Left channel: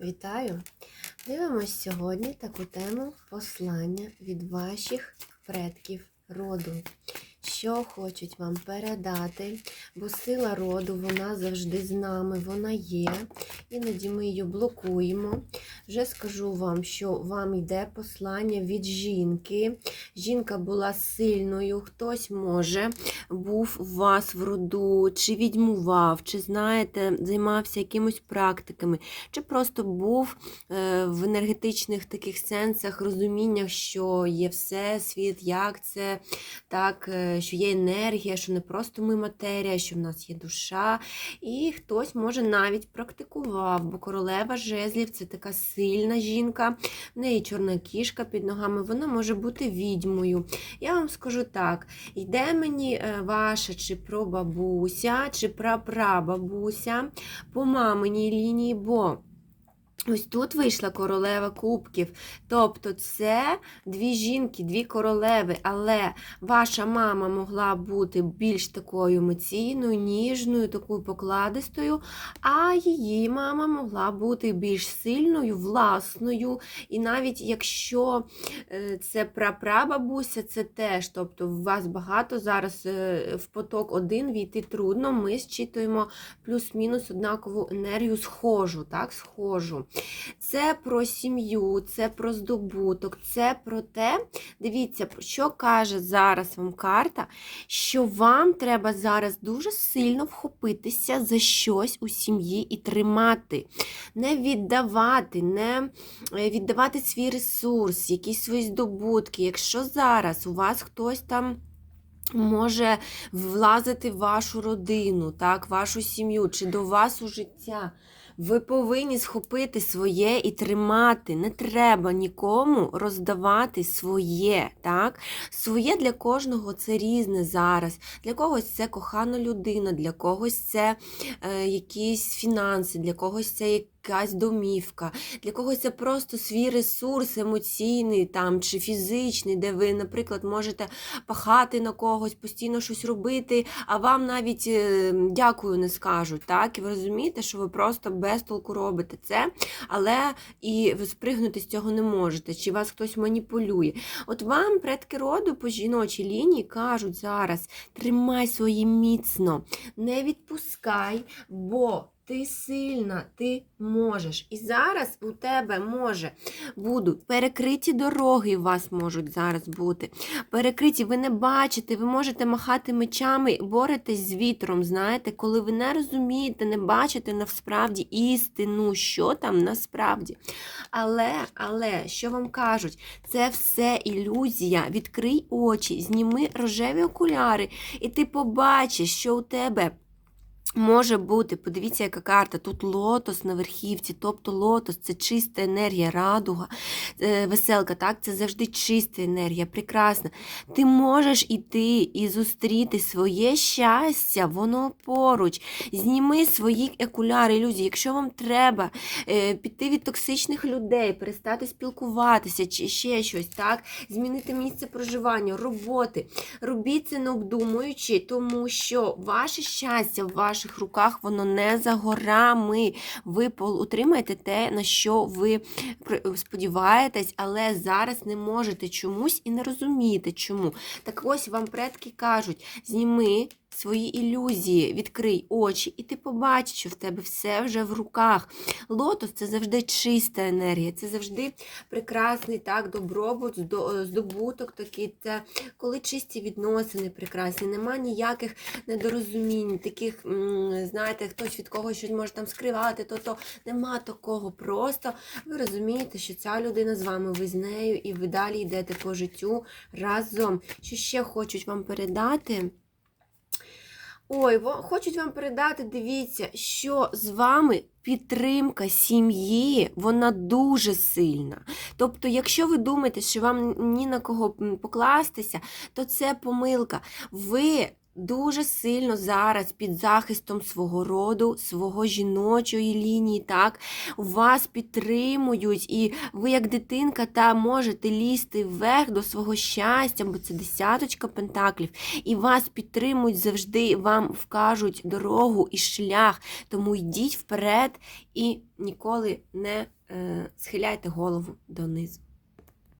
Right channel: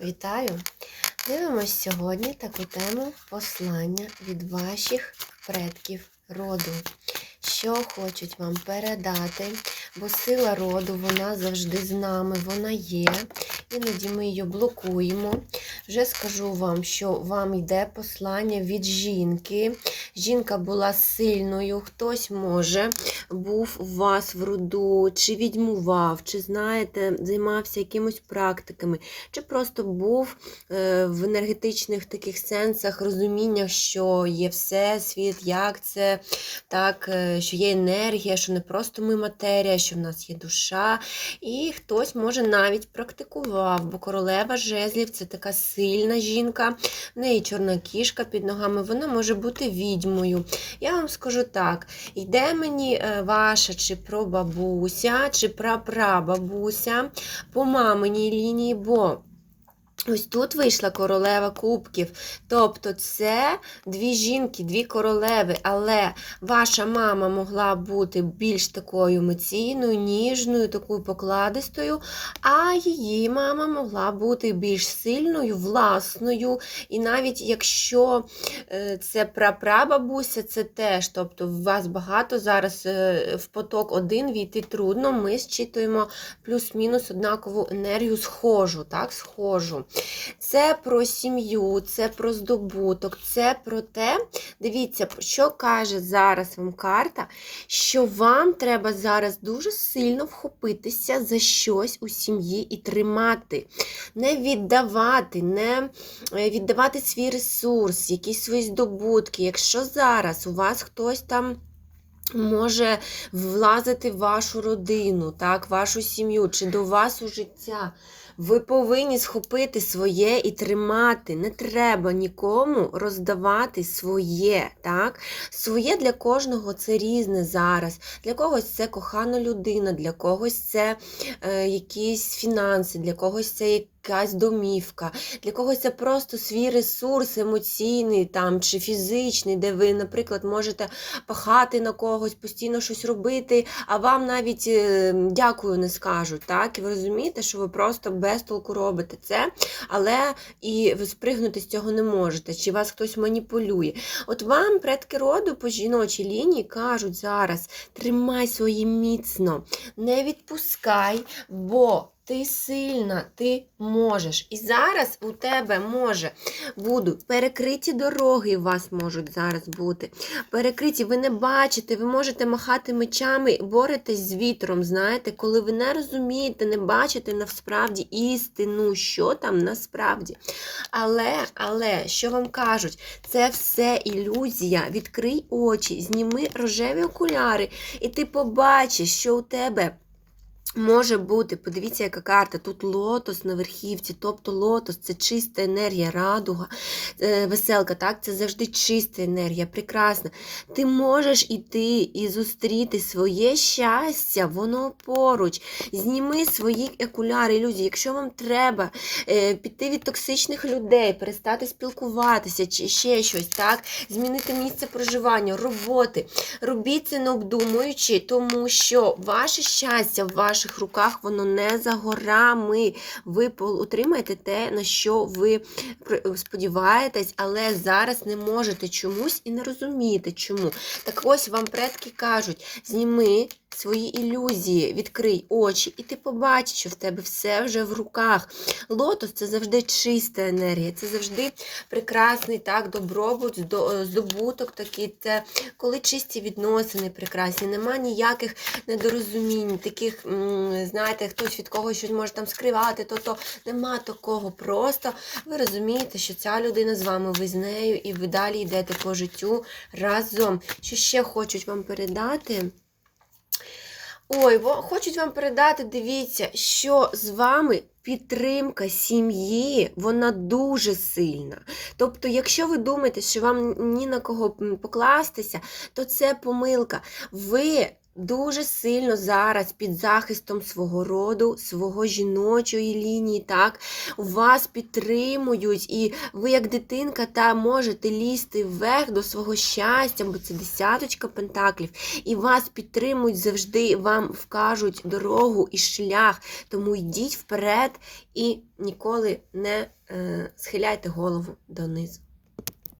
Вітаю! Дивимось сьогодні таку тему послання від ваших предків роду. Що хочуть вам передати, бо сила роду, вона завжди з нами, вона є. Іноді ми її блокуємо. Вже скажу вам, що вам йде послання від жінки. Жінка була сильною, хтось може був у вас в роду, чи відьмував, чи знаєте, займався якимось практиками, чи просто був е, в енергетичних таких сенсах, розуміннях, що є всесвіт, як це, так, е, що є енергія, що не просто ми матерія, що в нас є душа. І хтось може навіть практикував, бо королева жезлів це така сильна жінка, в неї чорна кішка під ногами, вона може бути відьмою. Я вам скажу так: йде мені е, ваша чи прабабуся, чи прапрабабуся по маминій лінії, бо. Ось тут вийшла королева кубків. Тобто це дві жінки, дві королеви, але ваша мама могла бути більш такою емоційною, ніжною, такою покладистою, а її мама могла бути більш сильною, власною. І навіть якщо е, це прапрабабуся, це теж, тобто у вас багато зараз е, в поток один війти трудно, ми зчитуємо плюс-мінус однакову енергію схожу, так, схожу. Це про сім'ю, це про здобуток, це про те, дивіться, що каже зараз вам карта, що вам треба зараз дуже сильно вхопитися за щось у сім'ї і тримати, не віддавати, не е, віддавати свій ресурс, якісь свої здобутки. Якщо зараз у вас хтось там. Може влазити в вашу родину, так, вашу сім'ю чи до вас у життя. Ви повинні схопити своє і тримати. Не треба нікому роздавати своє. так? Своє для кожного це різне зараз. Для когось це кохана людина, для когось це е, якісь фінанси, для когось це якась домівка, для когось це просто свій ресурс емоційний там, чи фізичний, де ви, наприклад, можете пахати на когось, постійно щось робити, а вам навіть е, дякую не скажуть. так? І ви розумієте, що ви просто без толку робите це, але і ви спригнути з цього не можете, чи вас хтось маніпулює. От вам предки роду по жіночій лінії кажуть зараз: тримай своє міцно, не відпускай, бо. Ти сильна, ти можеш. І зараз у тебе може будуть перекриті дороги, у вас можуть зараз бути. Перекриті, ви не бачите, ви можете махати мечами, боретесь з вітром, знаєте, коли ви не розумієте, не бачите насправді істину, що там насправді. Але, але, що вам кажуть, це все ілюзія. Відкрий очі, зніми рожеві окуляри, і ти побачиш, що у тебе. Може бути, подивіться, яка карта. Тут лотос на верхівці, тобто лотос це чиста енергія, радуга, е, веселка, так? Це завжди чиста енергія, прекрасна. Ти можеш іти і зустріти своє щастя, воно поруч. Зніми свої окуляри, ілюзії. Якщо вам треба е, піти від токсичних людей, перестати спілкуватися чи ще щось, так? Змінити місце проживання, роботи. Робіть це не обдумуючи, тому що ваше щастя в руках, воно не за горами. Ви отримаєте те, на що ви сподіваєтесь, але зараз не можете чомусь і не розумієте чому. Так ось вам предки кажуть: зніми свої ілюзії, відкрий очі, і ти побачиш, що в тебе все вже в руках. Лотос це завжди чиста енергія, це завжди прекрасний так, добробут, здобуток такий. Це коли чисті відносини прекрасні, нема ніяких недорозумінь, таких, знаєте, хтось від когось щось може там скривати, то то нема такого. Просто ви розумієте, що ця людина з вами, ви з нею, і ви далі йдете по життю разом. Що ще хочуть вам передати? Ой, хочуть вам передати, дивіться, що з вами підтримка сім'ї, вона дуже сильна. Тобто, якщо ви думаєте, що вам ні на кого покластися, то це помилка. Ви дуже сильно зараз під захистом свого роду, свого жіночої лінії, так, вас підтримують, і ви, як дитинка, та можете лізти вверх до свого щастя, бо це десяточка пентаклів, і вас підтримують завжди, вам вкажуть дорогу і шлях. Тому йдіть вперед і ніколи не е, схиляйте голову донизу.